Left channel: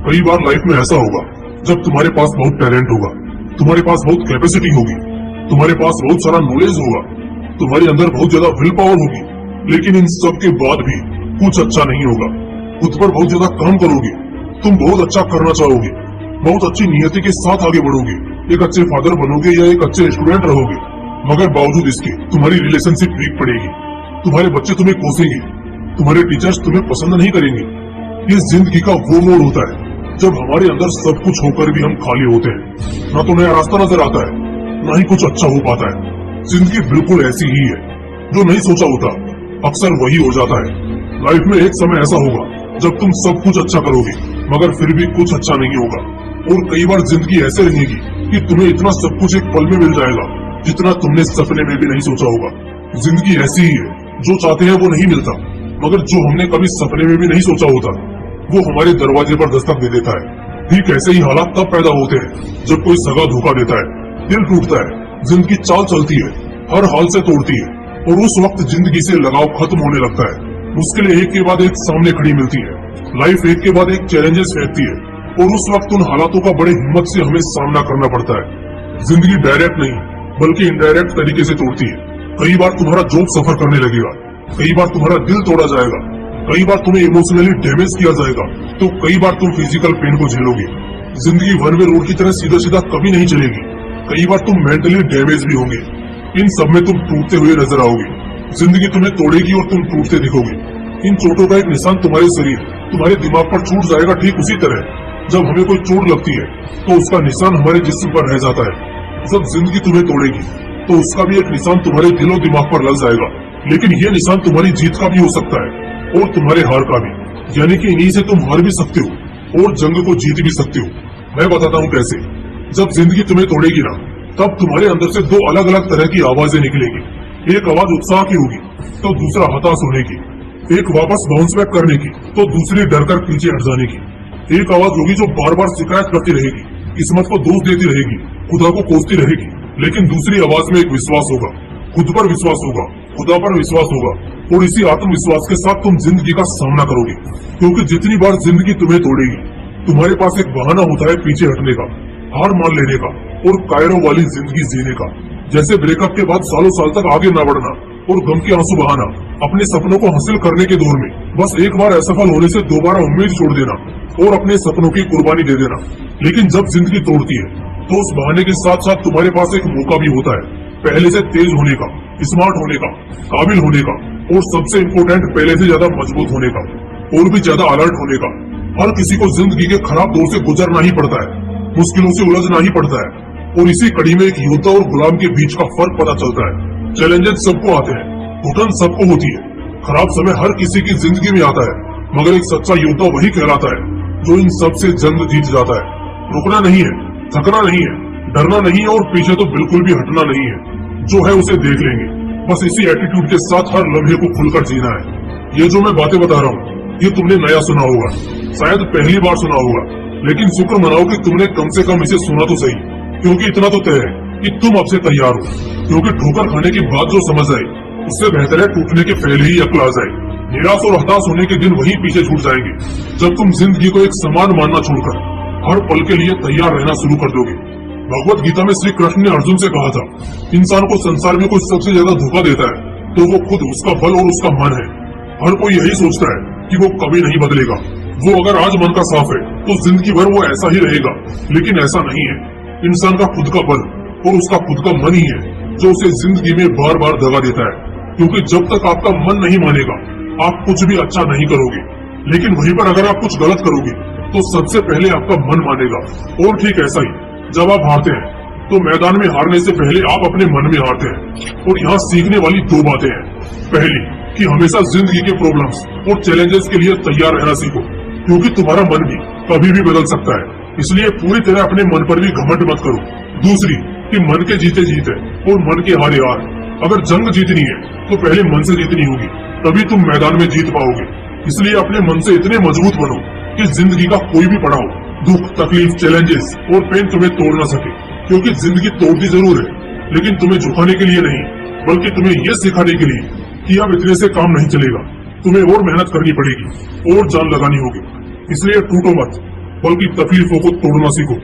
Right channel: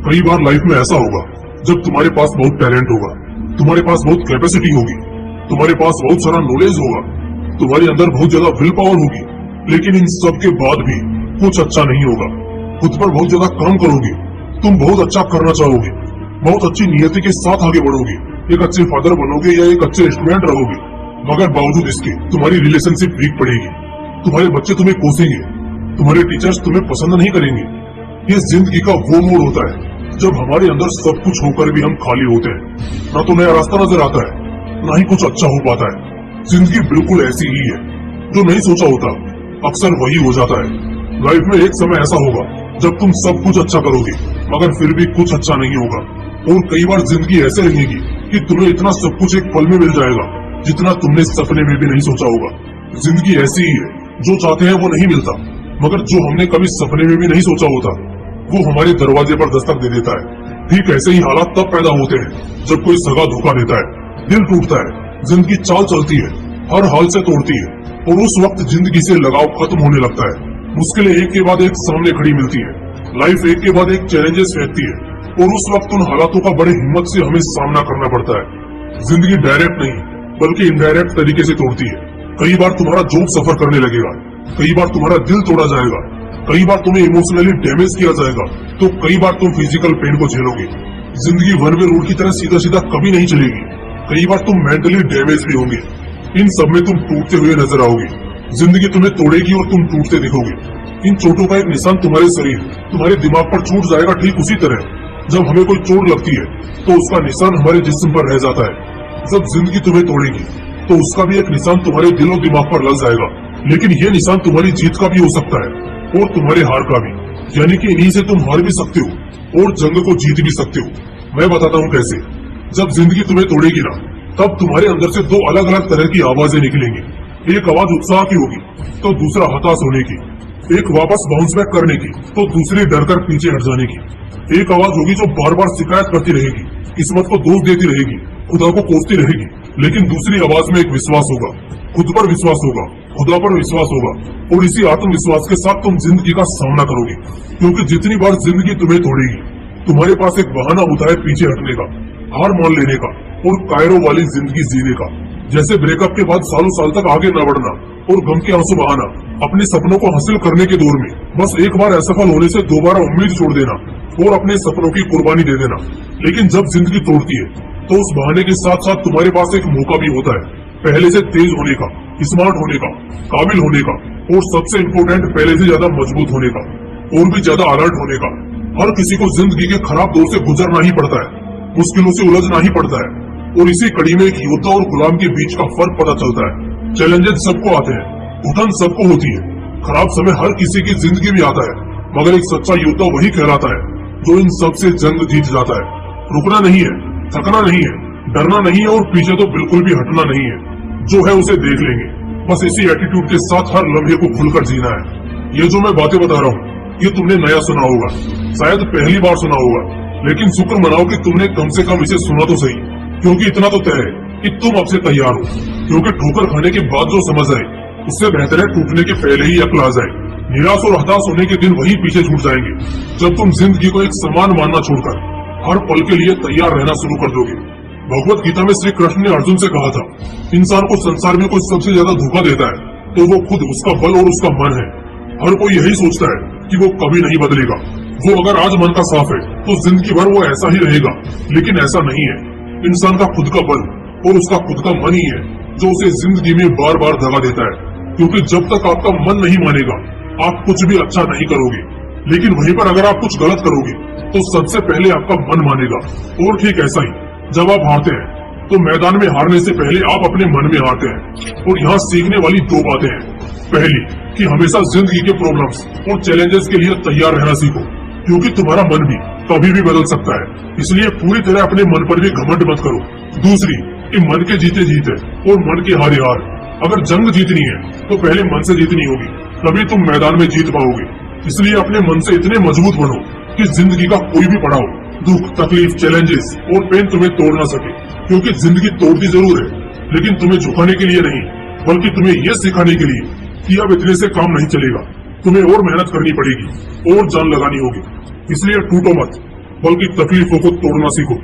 कई बार लाइफ में ऐसा होगा जब तुम्हारे पास बहुत टैलेंट होगा, तुम्हारे पास बहुत कैपेसिटी होगी, तुम्हारे पास बहुत सारा नॉलेज होगा, तुम्हारे अंदर बहुत ज्यादा विल पावर होगी, लेकिन इन सब के बाद भी कुछ अच्छा नहीं होगा। खुद पर बहुत ज्यादा काम करोगे, तुम बहुत अच्छा करना चाहोगे, बहुत अच्छी नियति के साथ आगे बढ़ोगे, एक अच्छे फादर बनोगे या एक अच्छे स्टूडेंट रहोगे, मगर बावजूद इसके तुम्हारी रिलेशनशिप वीक पड़ेगी, तुम्हारे बच्चे तुम्हें कोसेंगे, तुम्हारे टीचर्स तुम्हें पसंद नहीं करेंगे। ये जिंदगी का वो मोड़ होता है जब हमारे अंदर सब कुछ होकर भी हम खाली होते हैं। ना तो नया रास्ता नजर आता है, ना ही कुछ अच्छा हो पाता है। जिंदगी बिल्कुल ऐसी ही है, जो नहीं सोचा होता अक्सर वही हो जाता है। लाइफ में एक समय ऐसा होगा जब तुम सब कुछ अच्छा करोगे, मगर फिर भी कुछ अच्छा नहीं होगा। और कई बार जिंदगी ऐसे रहेगी कि तुम्हें इतना सब कुछ एक पल में मिल जाएगा जितना तुमने सपने में भी नहीं सोचा होगा। जिंदगी ऐसी ही है, जो चाहते हैं वो नहीं मिलता, मगर जो हमने कभी सपने में भी नहीं सोचा होता वो हमारे दरवाजे पर दस्तक दे देता है। ठीक ऐसे ही हालात तब पैदा होते हैं जब कोई सगा धोखा देता है, दिल टूटता है, जिंदगी चाल चलती है, हर हाल से तोड़ती है, और उस वक्त जिंदगी से लगाव खत्म होने लगता है। मुश्किलें एक के बाद एक सामने खड़ी मिलती है, लाइफ एक के बाद एक चैलेंजेस फेंकती है, और उस वक्त उन हालातों का बड़ी हिम्मत से हमें सामना करना पड़ता है। जिंदगी डायरेक्ट नहीं बल्कि इनडायरेक्ट तरीके से तोड़ती है। कई बार तुम्हारा जॉब सफर करने लगेगा, कई बार तुम्हारा दिल तोड़ा जाएगा, कई बार तुम्हें इमोशनली डैमेज किया जाएगा, तो कई बार तुम फिजिकल पेन को झेलोगे। जिंदगी वन वे रोड की तरह सीधा सीधा कभी नहीं चलेगी। कई बार तुम मेंटली डैमेज भी होंगे। इन सब में तुम टूटते हुए नजर आओगे। जिंदगी तुम्हें तोड़ेगी और तुम टूटते दिखोगे। इन चोटों का एक निशान तुम्हारे शरीर, तुम्हारे दिमाग पर छूट जाएगा। ठीक उसी तरह जब हमें कोई चोट लगती है तो उसका निशान हमारे जिस्म पर रह जाता है। जब जिंदगी तुम्हें तोड़ेगी तो उसका भी एक निशान तुम्हारे दिलो दिमाग पर लग जाएगा। लेकिन ये निशान तुम्हारी जीत का भी हो सकता है और तुम्हारे हार का भी। यानी कि इन्हीं से तुम हार भी सकते हो और जंग को जीत भी सकते हो। मैं बताता हूँ कैसे। जब जिंदगी तुम्हें तोड़ेगी ना, तब तुम्हारे अंदर से दो अलग अलग तरह की आवाजें निकलेंगी। एक आवाज उत्साह की होगी तो दूसरा हताश होने की, एक वापस बाउंस बैक करने की तो दूसरी डर कर पीछे हट जाने की। एक आवाज होगी जो बार बार शिकायत करती रहेगी, किस्मत को दोष देती रहेगी, खुदा को कोसती रहेगी। लेकिन दूसरी आवाज में एक विश्वास होगा, खुद पर विश्वास होगा, खुदा पर विश्वास होगा, और इसी आत्मविश्वास के साथ तुम जिंदगी का सामना करोगे। क्योंकि जितनी बार जिंदगी तुम्हें तोड़ेगी, तुम्हारे पास एक बहाना होता है पीछे हटने का, हार मान लेने का और कायरों वाली जिंदगी जीने का। जैसे ब्रेकअप के बाद सालों साल तक आगे न बढ़ना और गम के आंसू बहाना, अपने सपनों को हासिल करने के दौर में बस एक बार असफल होने से दोबारा उम्मीद छोड़ देना और अपने सपनों की कुर्बानी दे देना। लेकिन जब जिंदगी तोड़ती है तो उस बहाने के साथ साथ तुम्हारे पास एक मौका भी होता है पहले से तेज होने का, स्मार्ट होने का, काबिल होने का, और सबसे इम्पोर्टेंट पहले से ज्यादा मजबूत होने का और भी ज्यादा अलर्ट होने का। हर किसी को जिंदगी के खराब दौर से गुजरना ही पड़ता है, मुश्किलों से उलझना ही पड़ता है, और इसी कड़ी में एक योद्धा और गुलाम के बीच का फर्क पता चलता है। चैलेंजेस सबको आते हैं, घुटन सबको होती है, खराब समय हर किसी की जिंदगी में आता है, मगर एक सच्चा योद्धा वही कहलाता है जो इन सब से जंग जीत जाता है। रुकना नहीं है, थकना नहीं है, डरना नहीं है और पीछे तो बिल्कुल भी हटना नहीं है। जो है उसे देख लेंगे, बस इसी एटीट्यूड के साथ हर लम्हे को खुलकर जीना है। ये जो मैं बातें बता रहा हूँ ये तुमने नया सुना होगा, शायद पहली बार सुना होगा, लेकिन शुक्र मनाओ कि तुमने कम से कम इसे सुना तो सही। क्योंकि इतना तो तय है कि तुम अब से तैयार हो। क्योंकि ठोकर खाने के बाद जो समझ आए उससे बेहतर है टूटने के पहले ही अक्ल आ जाए। निराश और हताश होने के दिन वही पीछे छूट जाएंगे जब तुम जिंदगी को एक सम्मान मानना छोड़कर हर पल के लिए तैयार रहना शुरू कर दोगे। भगवत गीता में श्री कृष्ण ने अर्जुन से कहा था, इंसान को संसार में कोई सबसे ज्यादा धोखा देता है तो वो खुद उसका बल और उसका मन है। हर कोई यही सोचता है कि वो कभी नहीं बदलेगा। वो अगर आज मन का साफ है तो जिंदगी भर वो ऐसा ही रहेगा, लेकिन ऐसा नहीं है। इंसान का खुद का बल और उसका खुद का मन ही है जो उसे जिंदगी में बार बार दगा देता है। क्योंकि जब तक आपका मन नहीं मानेगा आप कुछ भी अच्छा नहीं करोगे, लेकिन वहीं पर अगर आप कुछ गलत करोगे तो सबसे पहले आपका मन मानेगा। और ठीक ऐसा ही जब आप हारते हैं तो मैदान में हारने से पहले आप अपने मन में हारते हैं। और यहाँ सीखने वाली दो बातें हैं। पहली कि हमेशा जिंदगी के प्रॉब्लम्स और चैलेंजेस के लिए तैयार रहना सीखो, क्योंकि तुम्हारा मन भी कभी भी बदल सकता है, इसलिए पूरी तरह अपने मन पर भी घमंड मत करो। दूसरी कि मन के जीते जीते और मन के हारे हार। अगर जंग जीतनी है तो पहले मन से जीतनी होगी, तभी तुम मैदान में जीत पाओगे। इसलिए अपने मन से इतने मजबूत बनो कि जिंदगी का कोई भी पड़ाव, दुख, तकलीफ, चैलेंजेस और पेन तुम्हें तोड़ ना सके। क्योंकि जिंदगी तोड़ती जरूर है, लेकिन तुम्हें झुकाने के लिए नहीं, बल्कि तुम्हें ये सिखाने के लिए कि अब इतने से काम नहीं चलेगा, तुम्हें और मेहनत करनी पड़ेगी और जान लगानी होगी। इसलिए टूटो मत, बल्कि तकलीफों को तोड़ना सीखो।